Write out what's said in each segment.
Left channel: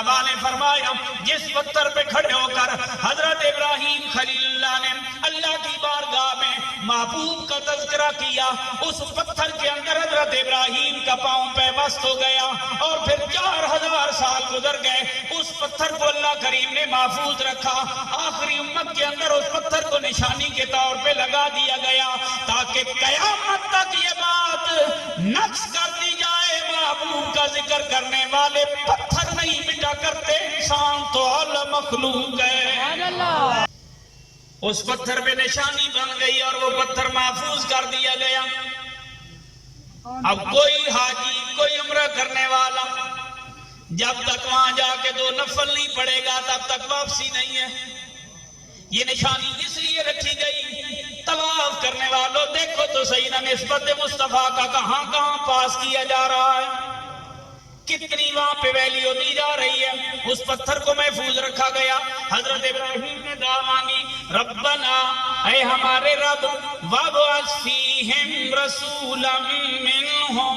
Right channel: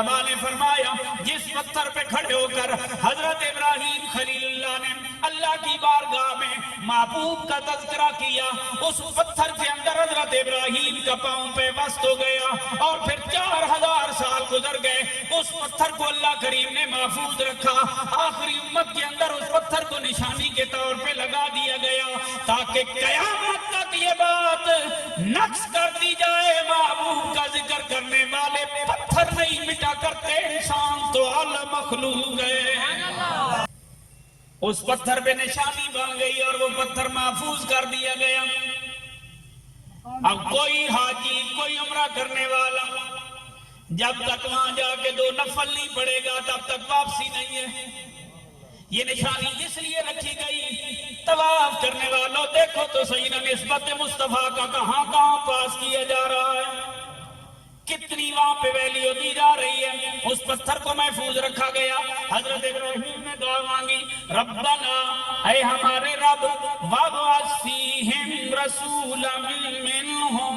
علماء نے فرمایا جس پتھر پہ کھڑے ہو کر حضرت ابراہیم خلیل اللہ نے اللہ کی بارگاہ میں محبوب کا تذکرہ کیا، اس پتھر کے اندر حضرت ابراہیم کا پاؤں پیوست ہو گیا، اور پھر 4000 سال گزر گئے، اس پتھر کو اللہ کریم نے محفوظ رکھا۔ آخری امت کے اندر اس پتھر کو نشانی کے طور پہ لگا دیا گیا تاکہ قیامت تک یہ بات نقص کر دی جائے، محبوب کا ذکر کرنے والے پتھر نہیں مٹا کرتے، انسان تو اعلی مخلوق ہے۔ اس پتھر پہ نشانی بن گئی اور وہ پتھر محفوظ کر دیا گیا۔ اب کوئی حاجی، کوئی عمرہ کرنے والا جب تک وہاں جا کے 2 نفل نہیں پڑے گا تب تک واپسی نہیں ہے۔ یہ نشانی اس لیے رکھی گئی، طواف کرنے والوں دیکھو تو صحیح نہ نسبت مصطفیٰ کا کہاں کہاں پاس کیا جا رہا ہے، کتنی وہاں پہ ویلیو دی جا رہی ہے۔ اس پتھر کو محفوظ رکھا گیا۔ حضرت ابراہیم نے دعا مانگی، ربنا، اے ہمارے رب، وابعث فیہم رسولا منہم،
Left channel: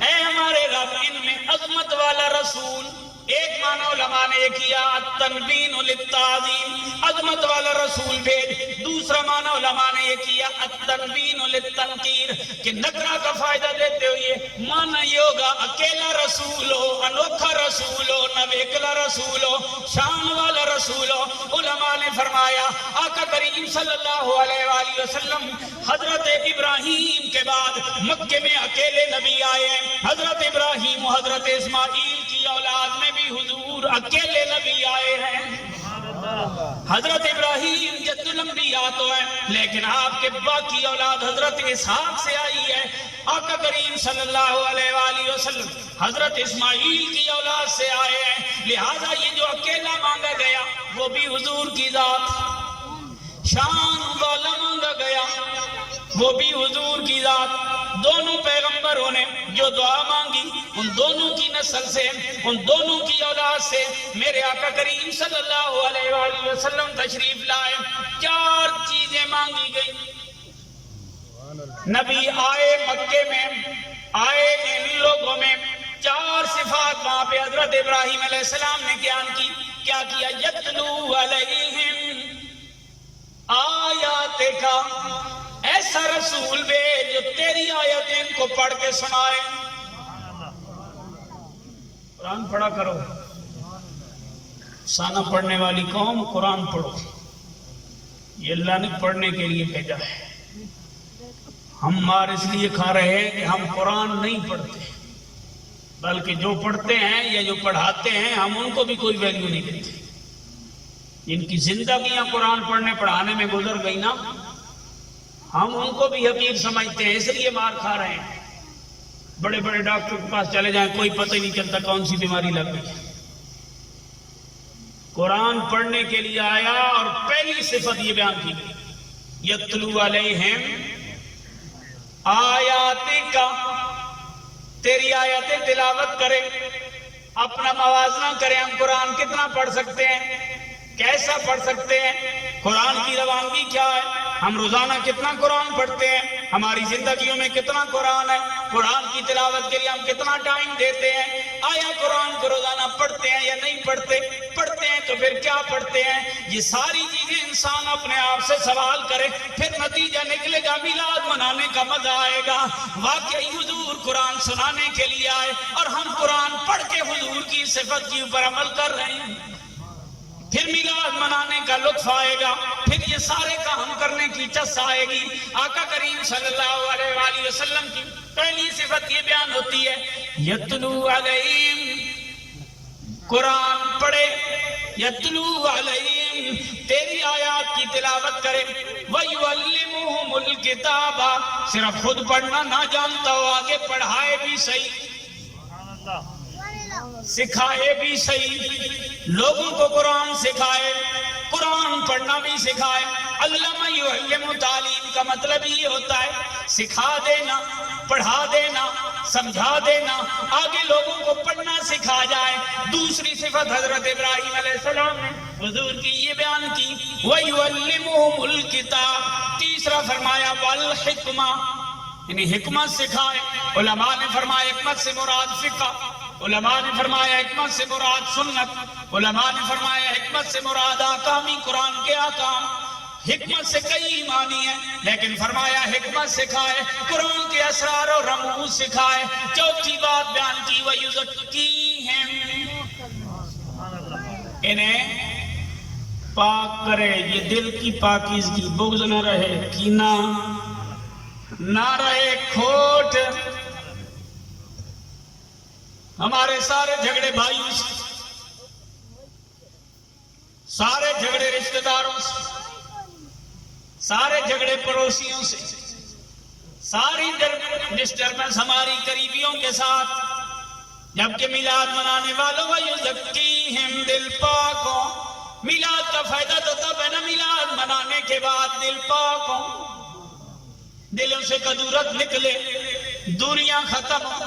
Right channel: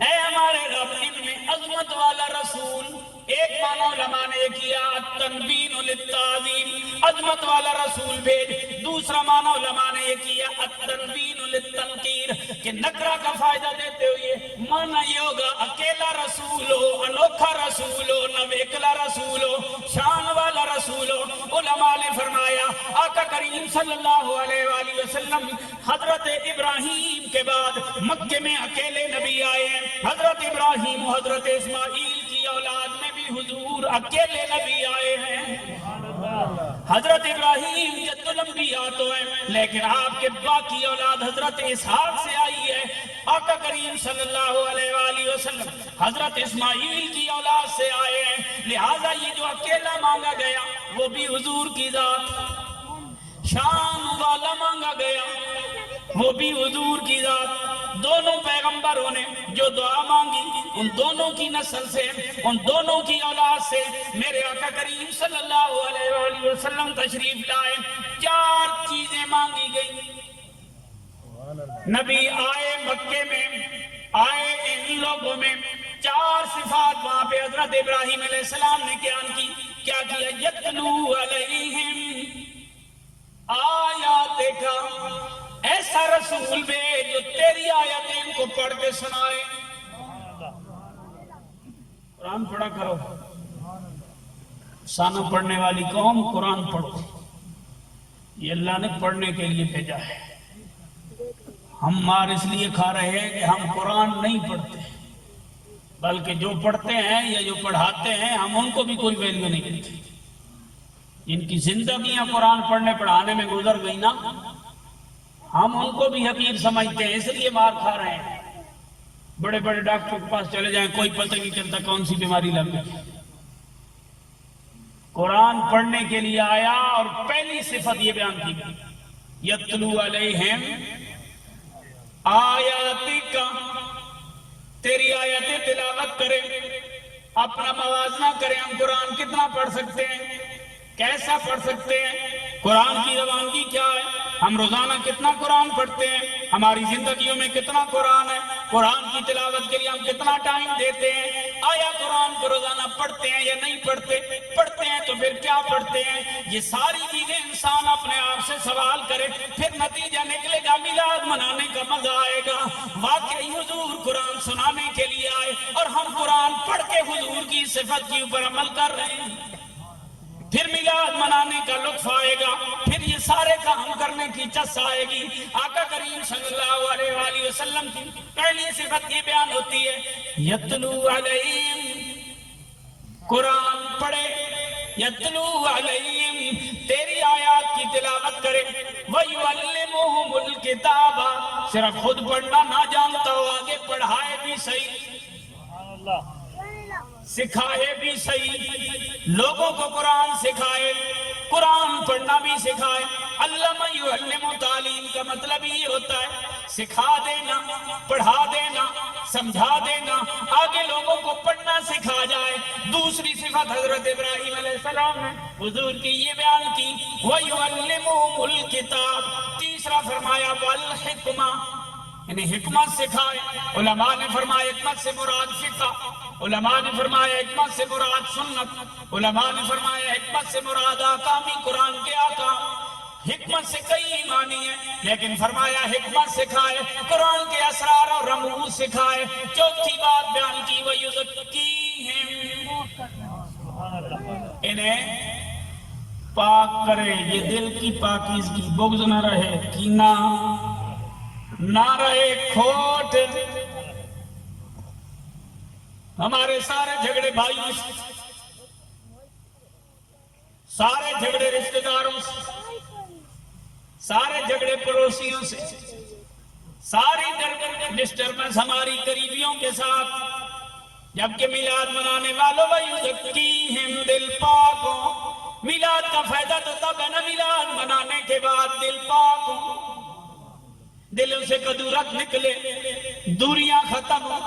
اے ہمارے رب ان میں عظمت والا رسول۔ ایک معنی علماء نے یہ کیا التنبین للتعظیم، عظمت والا رسول بھیج۔ دوسرا معنی علماء نے یہ کیا التنبین للتنقیر، کہ نکرہ کا فائدہ دیتے ہوئے معنی یہ ہوگا اکیلا رسول ہو، انوکھا رسول ہو، نویکلا رسول ہو، شان والا رسول ہو۔ علماء نے فرمایا آقا کریم صلی اللہ علیہ وآلہ وسلم حضرت ابراہیم کے بعد مکے میں اکیلے نبی آئے ہیں۔ حضرت ابراہیم و حضرت اسماعیل کی اولاد میں بھی حضور اکیلے نبی آئے ہیں۔ حضرت ابراہیم جد الانبیاء تو ہے، لیکن آپ کے باقی اولاد حضرت اسحاق سے آئی ہے۔ آقا کریم صلی اللہ علیہ وآلہ وسلم حضرت اسماعیل کی اولاد سے آئے ہیں، لہٰذا یہ جو اکیلا مانگا گیا وہ بھی حضور کی ذات، شان والا مانگا گیا وہ بھی حضور کی ذات۔ دونوں پیغمبروں نے جو دعا مانگی ان دونوں کی نسل سے، ان دونوں کی اولاد سے میرے آقا کریم صلی اللہ علیہ وآلہ وسلم تشریف لائے۔ 4 چیزیں مانگی گئی۔ نبی آئے مکے میں، آئے ان لوگوں میں، 4 صفات وہاں پہ حضرت ابراہیم علیہ السلام نے بیان کی۔ کیا کیا؟ یتلو علیہم آیات کا، ایسا رسول بھیج جو تیری آیتیں ان کو پڑھ کے سنائے۔ قرآن پڑھا کرو، سانہ پڑھنے والی قوم قرآن پڑھو، یہ اللہ نے پڑھنے کے لیے بھیجا ہے۔ ہم مار اس لیے کھا رہے ہیں کہ ہم قرآن نہیں پڑھتے، بلکہ جو پڑھتے ہیں یا جو پڑھاتے ہیں ہم ان کو بھی کوئی ویلیو نہیں دیتے۔ جن کی زندگیاں قرآن پڑھنے پڑھانے میں گزر گئی نا، ہم ان کو بھی حقیر سمجھتے ہیں، اس لیے مار کھا رہے ہیں۔ بڑے بڑے ڈاکٹر کے پاس چلے جائیں کوئی پتہ نہیں چلتا کون سی بیماری لگ گئی۔ قرآن پڑھنے کے لیے آیا اور پہلی صفت یہ بیان کی گئی، یتلو علیہم آیاتک، تیری آیتیں تلاوت کریں۔ اپنا موازنہ کریں، ہم قرآن کتنا پڑھ سکتے ہیں، کیسا پڑھ سکتے ہیں، قرآن کی روانگی کیا ہے، ہم روزانہ کتنا قرآن پڑھتے ہیں، ہماری زندگیوں میں کتنا قرآن ہے، قرآن کی تلاوت کے لیے ہم کتنا ٹائم دیتے ہیں، آیا قرآن کو روزانہ پڑھتے ہیں یا نہیں پڑھتے، پڑھتے ہیں تو پھر کیا پڑھتے ہیں۔ یہ ساری چیزیں انسان اپنے آپ سے سوال کرے، پھر نتیجہ نکلے گا میلاد منانے کا مزہ آئے گا۔ واقعی حضور قرآن سنانے کے لیے آئے اور ہم قرآن پڑھ کے حضور کی صفت کے اوپر عمل کر رہے ہیں، پھر میلاد منانے کا لطف آئے گا، پھر یہ سارے کام کرنے کی چس آئے گی۔ آقا کریم صلی اللہ علیہ وآلہ وسلم کی پہلی صفت یہ بیان ہوتی ہے، یتلو علیہم، قرآن پڑھے، یتلو علیہم، تیری آیات کی تلاوت کرے، وَيُعَلِّمُهُمُ الْكِتَابَ، صرف خود پڑھنا نہ جانتا ہو، آگے پڑھائے بھی صحیح، سکھائے بھی صحیح، لوگوں کو قرآن سکھائے، قرآن پڑھنا بھی سکھائے۔ علامہ یعلم، تعلیم کا مطلب یہ ہوتا ہے سکھا دینا، پڑھا دینا، سمجھا دینا، آگے لوگوں کو پڑھنا سکھا جائے۔ دوسری صفت حضرت ابراہیم علیہ السلام نے حضور کی یہ بیان کی، وَيُعَلِّمُهُمُ الْكِتَابَ، تیسرا فرمایا وَالْحِکْمَةَ، یعنی حکمت سکھائے۔ علماء نے فرمایا حکمت سے مراد فقہ، علماء نے فرمایا حکمت سے مراد سنت، علماء نے فرمایا حکمت سے مراد آکامی قرآن کے آکام۔ حکمت سے کئی معنی ہیں، لیکن فرمایا حکمت سکھائے قرآن کے اسرار اور رموز سکھائے۔ چوتھی بات بیان کی وَيُزَكِّيهِمْ، انہیں پاک کرے، یہ دل کی پاکیزگی، بغض نہ رہے، کینہ نہ رہے، کھوٹ۔ ہمارے سارے جھگڑے بھائیوں سے، سارے جھگڑے رشتہ داروں سے، سارے جھگڑے پڑوسیوں سے، ساری ڈسٹربنس ہماری قریبیوں کے ساتھ، جبکہ میلاد منانے والوں وَيُزَكِّيهِمْ، دل پاک ہو۔ میلاد کا فائدہ تو تب ہے نا میلاد منانے کے بعد دل پاک ہو، دلوں سے کدورت نکلے، دوریاں ختم ہو،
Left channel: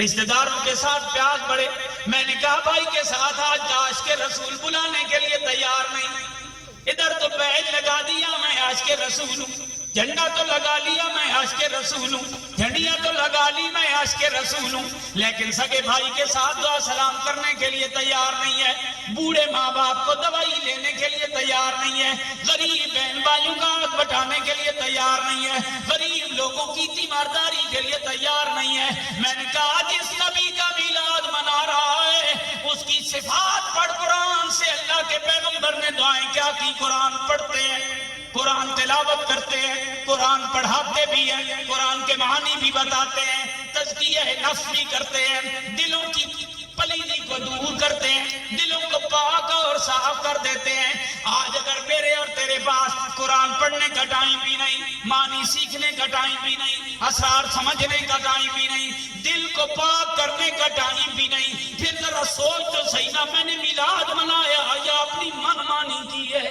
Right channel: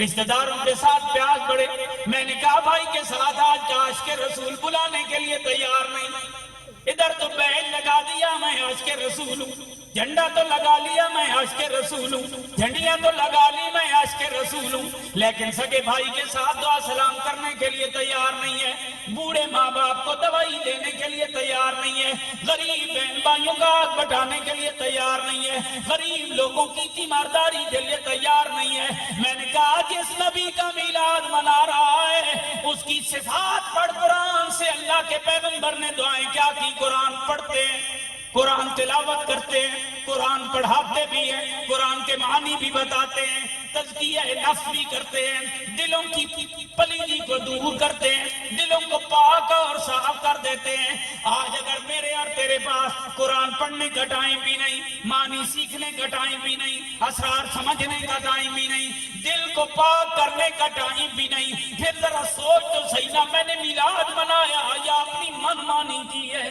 رشتہ داروں کے ساتھ پیار بڑھے۔ میں نے کہا بھائی کے ساتھ آج عاشق رسول بلانے کے لیے تیار نہیں، ادھر تو بیج لگا دیا میں عاشق رسول ہوں، جھنڈا تو لگا لیا میں عاشق رسول ہوں، جھنڈیاں تو لگا لی میں عاشق رسول ہوں، لیکن سگے بھائی کے ساتھ دعا سلام کرنے کے لیے تیار نہیں ہے، بوڑھے ماں باپ کو دوائی لینے کے لیے تیار نہیں ہے، غریب بہن بھائیوں کا ہاتھ بٹانے کے لیے تیار نہیں ہے، غریب لوگوں کی تیمارداری کے لیے تیار نہیں ہے۔ میں نے کہا جس نبی کا میلاد منا رہا ہے اس کی صفات پڑھ قرآن سے۔ اللہ کے پیغمبر نے دعائیں کیا کی؟ قرآن پڑھتے ہیں، قرآن تلاوت کرتے ہیں، قرآن پڑھاتے بھی ہیں، قرآن کے معنی بھی بتاتے ہیں، تزکیہ نفس بھی کرتے ہیں، دلوں کی پلیدی کو دور کرتے ہیں، دلوں کو پاک اور صاف کر دیتے ہیں۔ آج اگر میرے اور تیرے پاس قرآن پڑھنے کا ٹائم بھی نہیں، معنی سیکھنے کا ٹائم بھی نہیں، اسرار سمجھنے کا ٹائم بھی نہیں، دل کو پاک کرنے کا ٹائم بھی نہیں، پھر ذرا سوچ تو صحیح نا، میں نے میلاد منایا یا اپنی من مانی کی ہے؟